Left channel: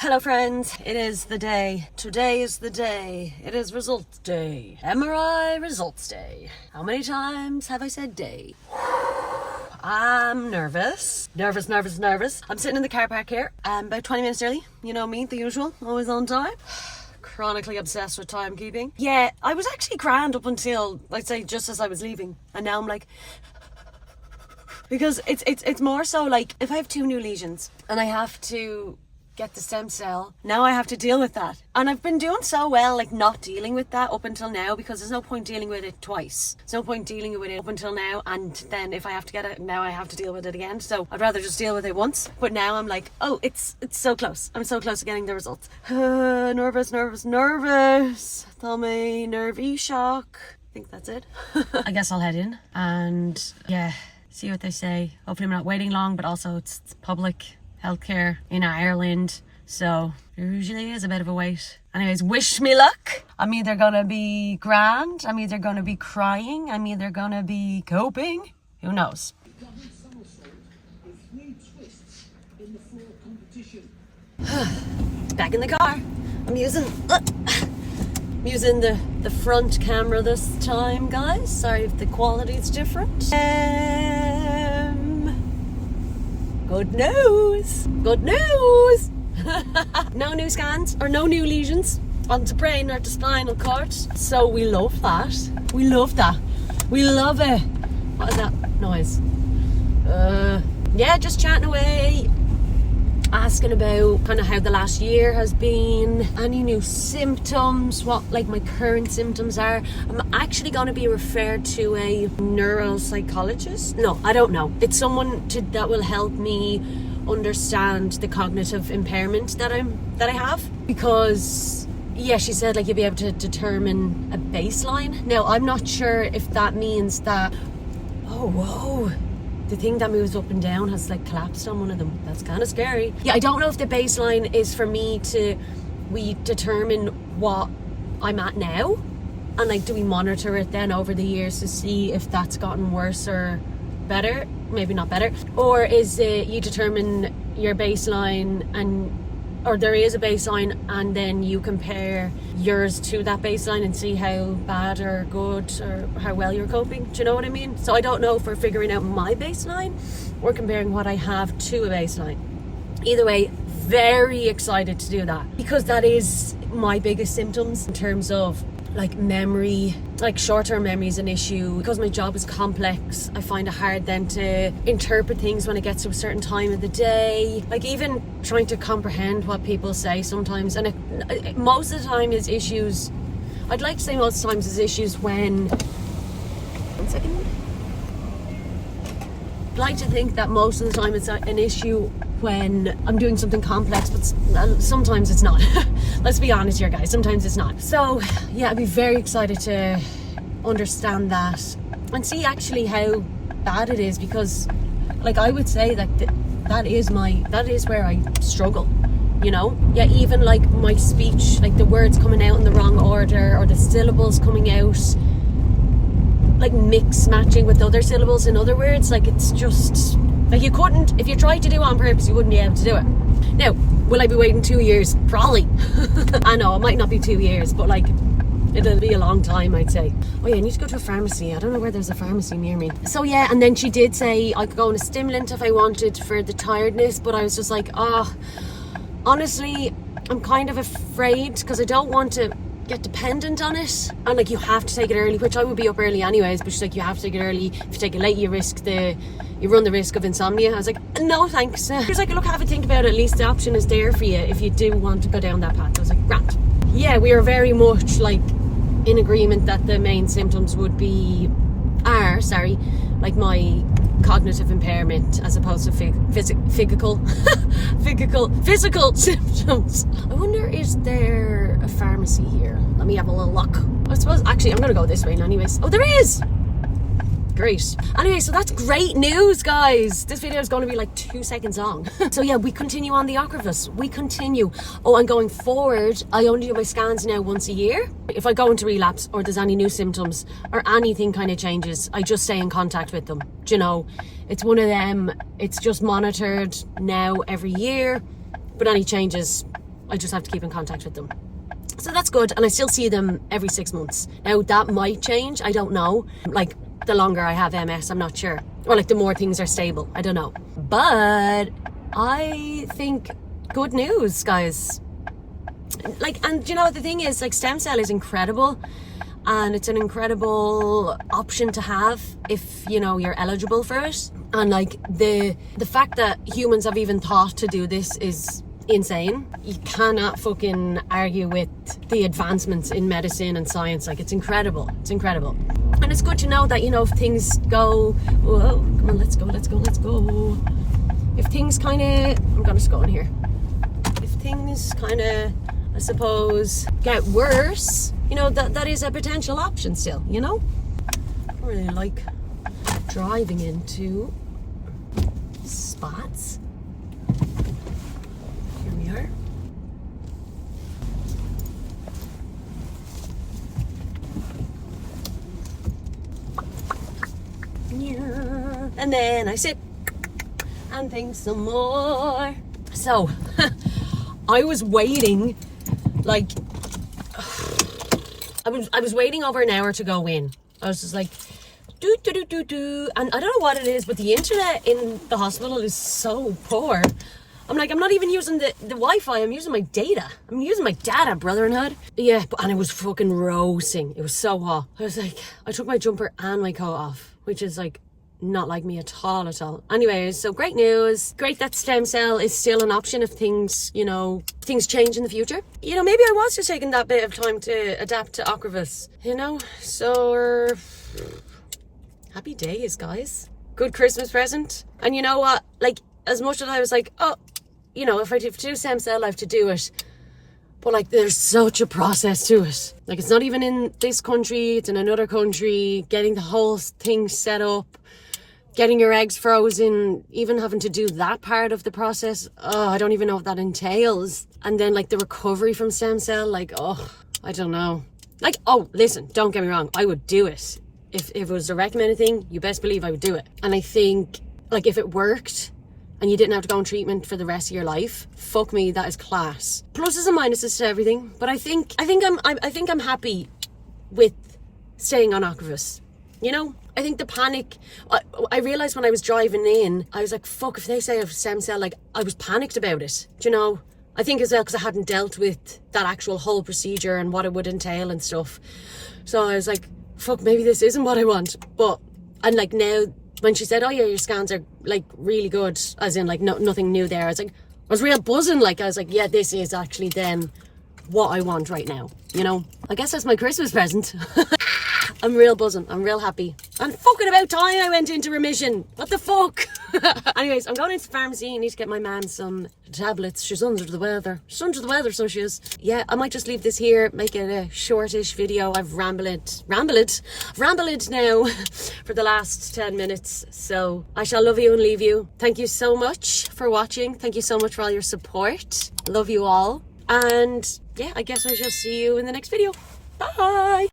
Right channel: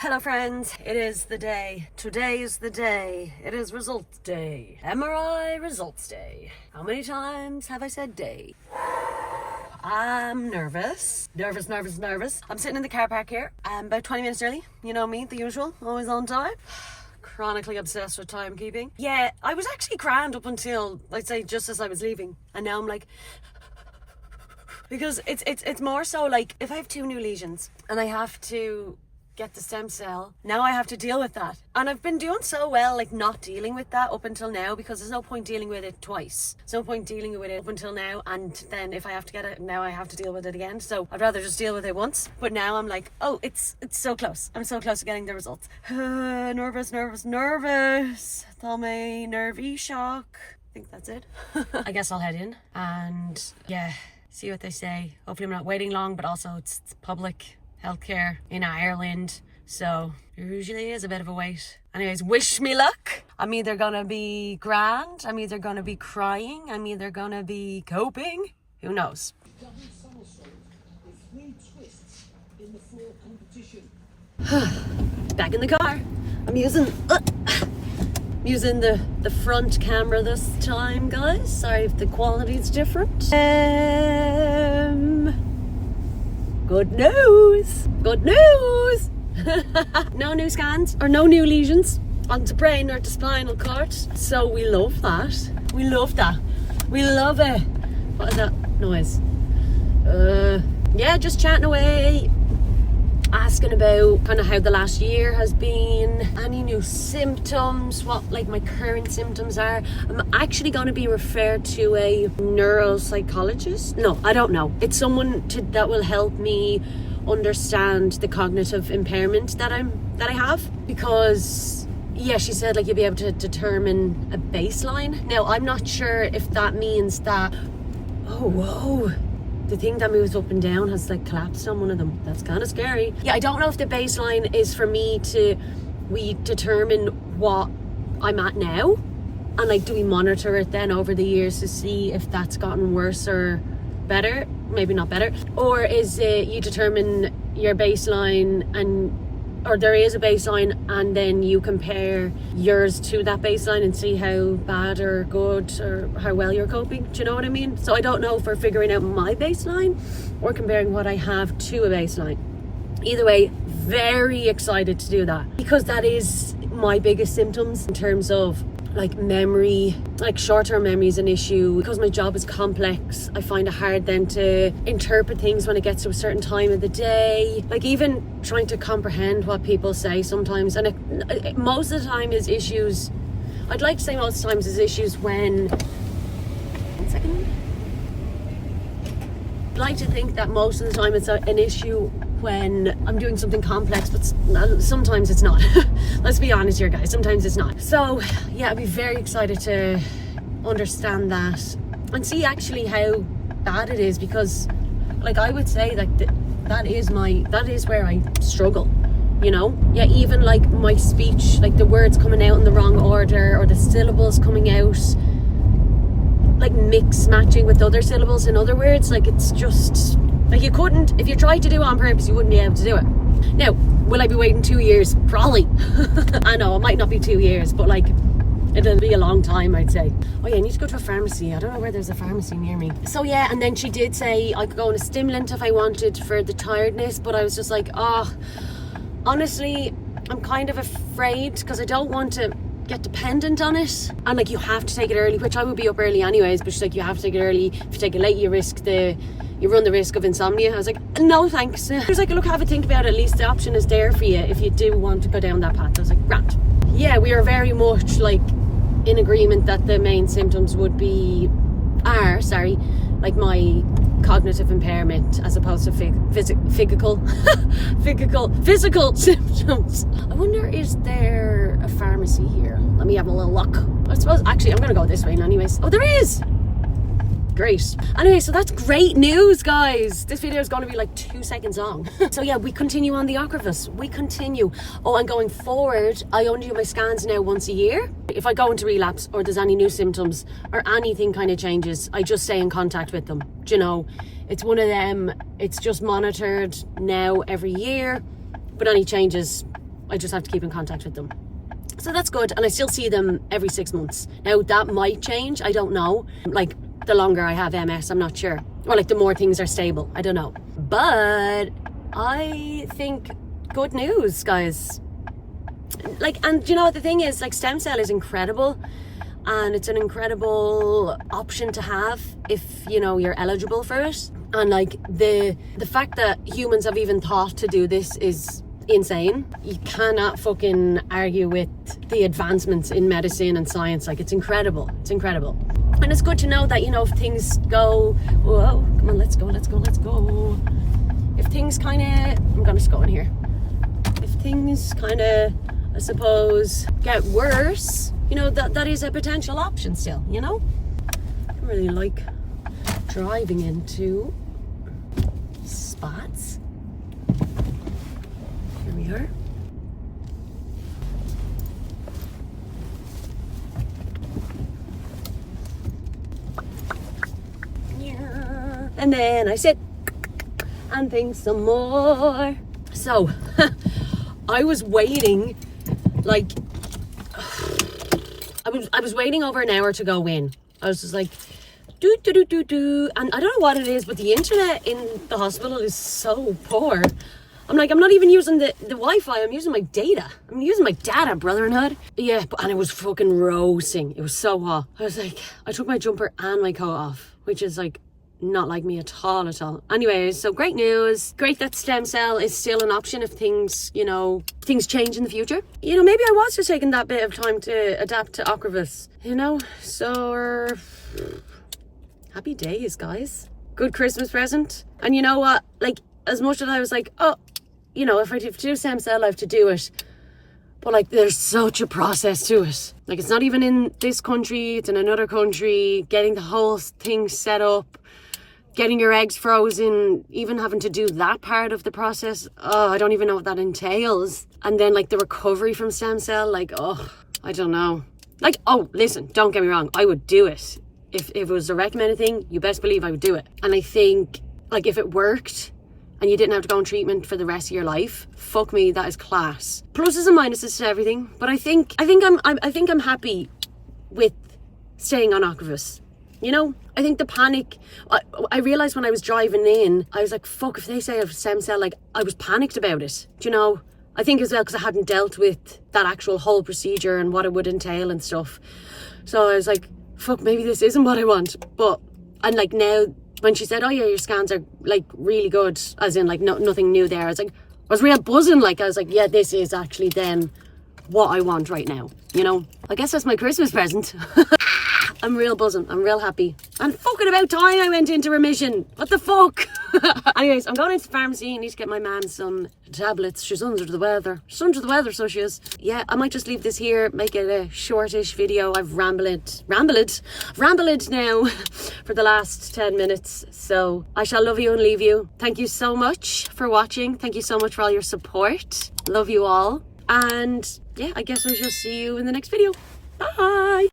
Hello friends, it is the day. Today is the day. It is results day. MRI results day. How many times have I said day? I'm nervous. Nervous. I'm sitting in the car park here. I'm about 20 minutes early. You know me, the usual, always on time. Chronically obsessed with timekeeping. Yeah, I was actually grand up until, I'd say, just as I was leaving. And now I'm like... Because it's more so like, if I have 2 new lesions and I have to get the stem cell, now I have to deal with that. And I've been doing so well, like, not dealing with that up until now, because there's no point dealing with it twice. There's no point dealing with it up until now, and then if I have to get it, now I have to deal with it again. So I'd rather just deal with it once. But now I'm like, oh, it's so close. I'm so close to getting the results. Nervous. Tummy, nervy shock. I think that's it. I guess I'll head in and, yeah, see what they say. Hopefully I'm not waiting long, but also it's public healthcare in Ireland, so there usually is a bit of a wait. Anyways, wish me luck. I'm either gonna be grand, I'm either gonna be crying, I'm either gonna be coping. Who knows? Back in the car. I'm using the front camera this time, guys. Sorry if the quality's different. Good news! No new scans or no new lesions on the brain or the spinal cord. So we love that. We love it. What is that noise? Yeah, just chatting away, asking about kind of how the last year has been, any new symptoms, what like my current symptoms are. I'm actually going to be referred to a neuropsychologist. No, I don't know. It's someone that will help me understand the cognitive impairment that I have, because yeah, she said like you'll be able to determine a baseline. Now I'm not sure if that means that, oh whoa, the thing that moves up and down has like collapsed on one of them. That's kind of scary. Yeah, I don't know if the baseline is for me we determine what I'm at now, and like do we monitor it then over the years to see if that's gotten worse or better, maybe not better, or is it you determine your baseline or there is a baseline and then you compare yours to that baseline and see how bad or good or how well you're coping. Do you know what I mean? So I don't know if we're figuring out my baseline or comparing what I have to a baseline. Either way, very excited to do that, because that is my biggest symptoms in terms of like memory. Like short-term memory is an issue because my job is complex. I find it hard then to interpret things when it gets to a certain time of the day, like even trying to comprehend what people say sometimes. And it most of the time is issues, I'd like to say most of the times is issues when, one second, I'd like to think that most of the time it's an issue when I'm doing something complex, but sometimes it's not. Let's be honest here, guys, sometimes it's not. So yeah, I'd be very excited to understand that and see actually how bad it is, because like I would say that that is where I struggle, you know? Yeah, even like my speech, like the words coming out in the wrong order, or the syllables coming out like mix matching with other syllables in other words. Like it's just like you couldn't, if you tried to do it on purpose, you wouldn't be able to do it. Now, will I be waiting 2 years? Probably. I know, it might not be 2 years, but like, it'll be a long time, I'd say. Oh yeah, I need to go to a pharmacy. I don't know where there's a pharmacy near me. So yeah, and then she did say I could go on a stimulant if I wanted for the tiredness, but I was just like, honestly, I'm kind of afraid, because I don't want to get dependent on it. And like, you have to take it early, which I would be up early anyways, but she's like, you have to take it early. If you take it late, you run the risk of insomnia. I was like, no thanks. She was like, look, have a think about it. At least the option is there for you if you do want to go down that path. I was like, right. Yeah, we are very much like in agreement that the main symptoms are like my cognitive impairment as opposed to physical symptoms. I wonder, is there a pharmacy here? Let me have a little look. I suppose actually I'm gonna go this way anyways. Oh, there is. Great. Anyway, so that's great news, guys. This video is going to be like 2 seconds long. So yeah, we continue on the Ocrevus. We continue. Oh, and going forward, I only do my scans now once a year. If I go into relapse or there's any new symptoms or anything kind of changes, I just stay in contact with them. Do you know, it's one of them. It's just monitored now every year. But any changes, I just have to keep in contact with them. So that's good, and I still see them every 6 months. Now that might change, I don't know. Like the longer I have MS, I'm not sure. Or like the more things are stable, I don't know. But I think good news, guys. Like, and you know what the thing is, like stem cell is incredible, and it's an incredible option to have if, you know, you're eligible for it. And like the fact that humans have even thought to do this is insane. You cannot fucking argue with the advancements in medicine and science. Like, it's incredible. It's incredible. And it's good to know that, you know, if things go, whoa, come on, let's go. If things kind of, I'm gonna just go in here. If things kind of, I suppose, get worse, you know, that is a potential option still, you know? I don't really like driving into spots. Here we are. Yeah. And then I sit and think some more. So I was waiting, like I was waiting over an hour to go in. I was just like do, and I don't know what it is, but the internet in the hospital is so poor. I'm like, I'm not even using the Wi-Fi, I'm using my data. I'm using my data, brotherhood. Yeah, and it was fucking roasting. It was so hot. I was like, I took my jumper and my coat off, which is like not like me at all. Anyways, so great news. Great that stem cell is still an option if things, you know, things change in the future. You know, maybe I was just taking that bit of time to adapt to Ocrevus, you know? So, happy days, guys. Good Christmas present. And you know what? Like, as much as I was like, oh, you know, if I do stem cell, I have to do it. But like, there's such a process to it. Like, it's not even in this country, it's in another country, getting the whole thing set up, getting your eggs frozen, even having to do that part of the process. Oh, I don't even know what that entails. And then like the recovery from stem cell, like, oh, I don't know. Like, oh, listen, don't get me wrong, I would do it. If it was a recommended thing, you best believe I would do it. And I think, like, if it worked and you didn't have to go on treatment for the rest of your life, fuck me, that is class. Pluses and minuses to everything, but I think I'm happy with staying on Ocrevus. You know, I think the panic, I realised when I was driving in, I was like, fuck, if they say I have stem cell, like, I was panicked about it. Do you know? I think as well because I hadn't dealt with that actual whole procedure and what it would entail and stuff. So I was like, fuck, maybe this isn't what I want. But, and like now, when she said, oh yeah, your scans are like really good, as in like nothing new there, I was like, I was real buzzing. Like, I was like, yeah, this is actually then what I want right now. You know, I guess that's my Christmas present. I'm real buzzing. I'm real happy. And fucking about time I went into remission. What the fuck? Anyways, I'm going into the pharmacy. I need to get my man some tablets. She's under the weather. She's under the weather, so she is. Yeah, I might just leave this here, make it a shortish video. I've rambled now for the last 10 minutes. So I shall love you and leave you. Thank you so much for watching. Thank you so much for all your support. Love you all. And yeah, I guess I shall see you in the next video. Bye.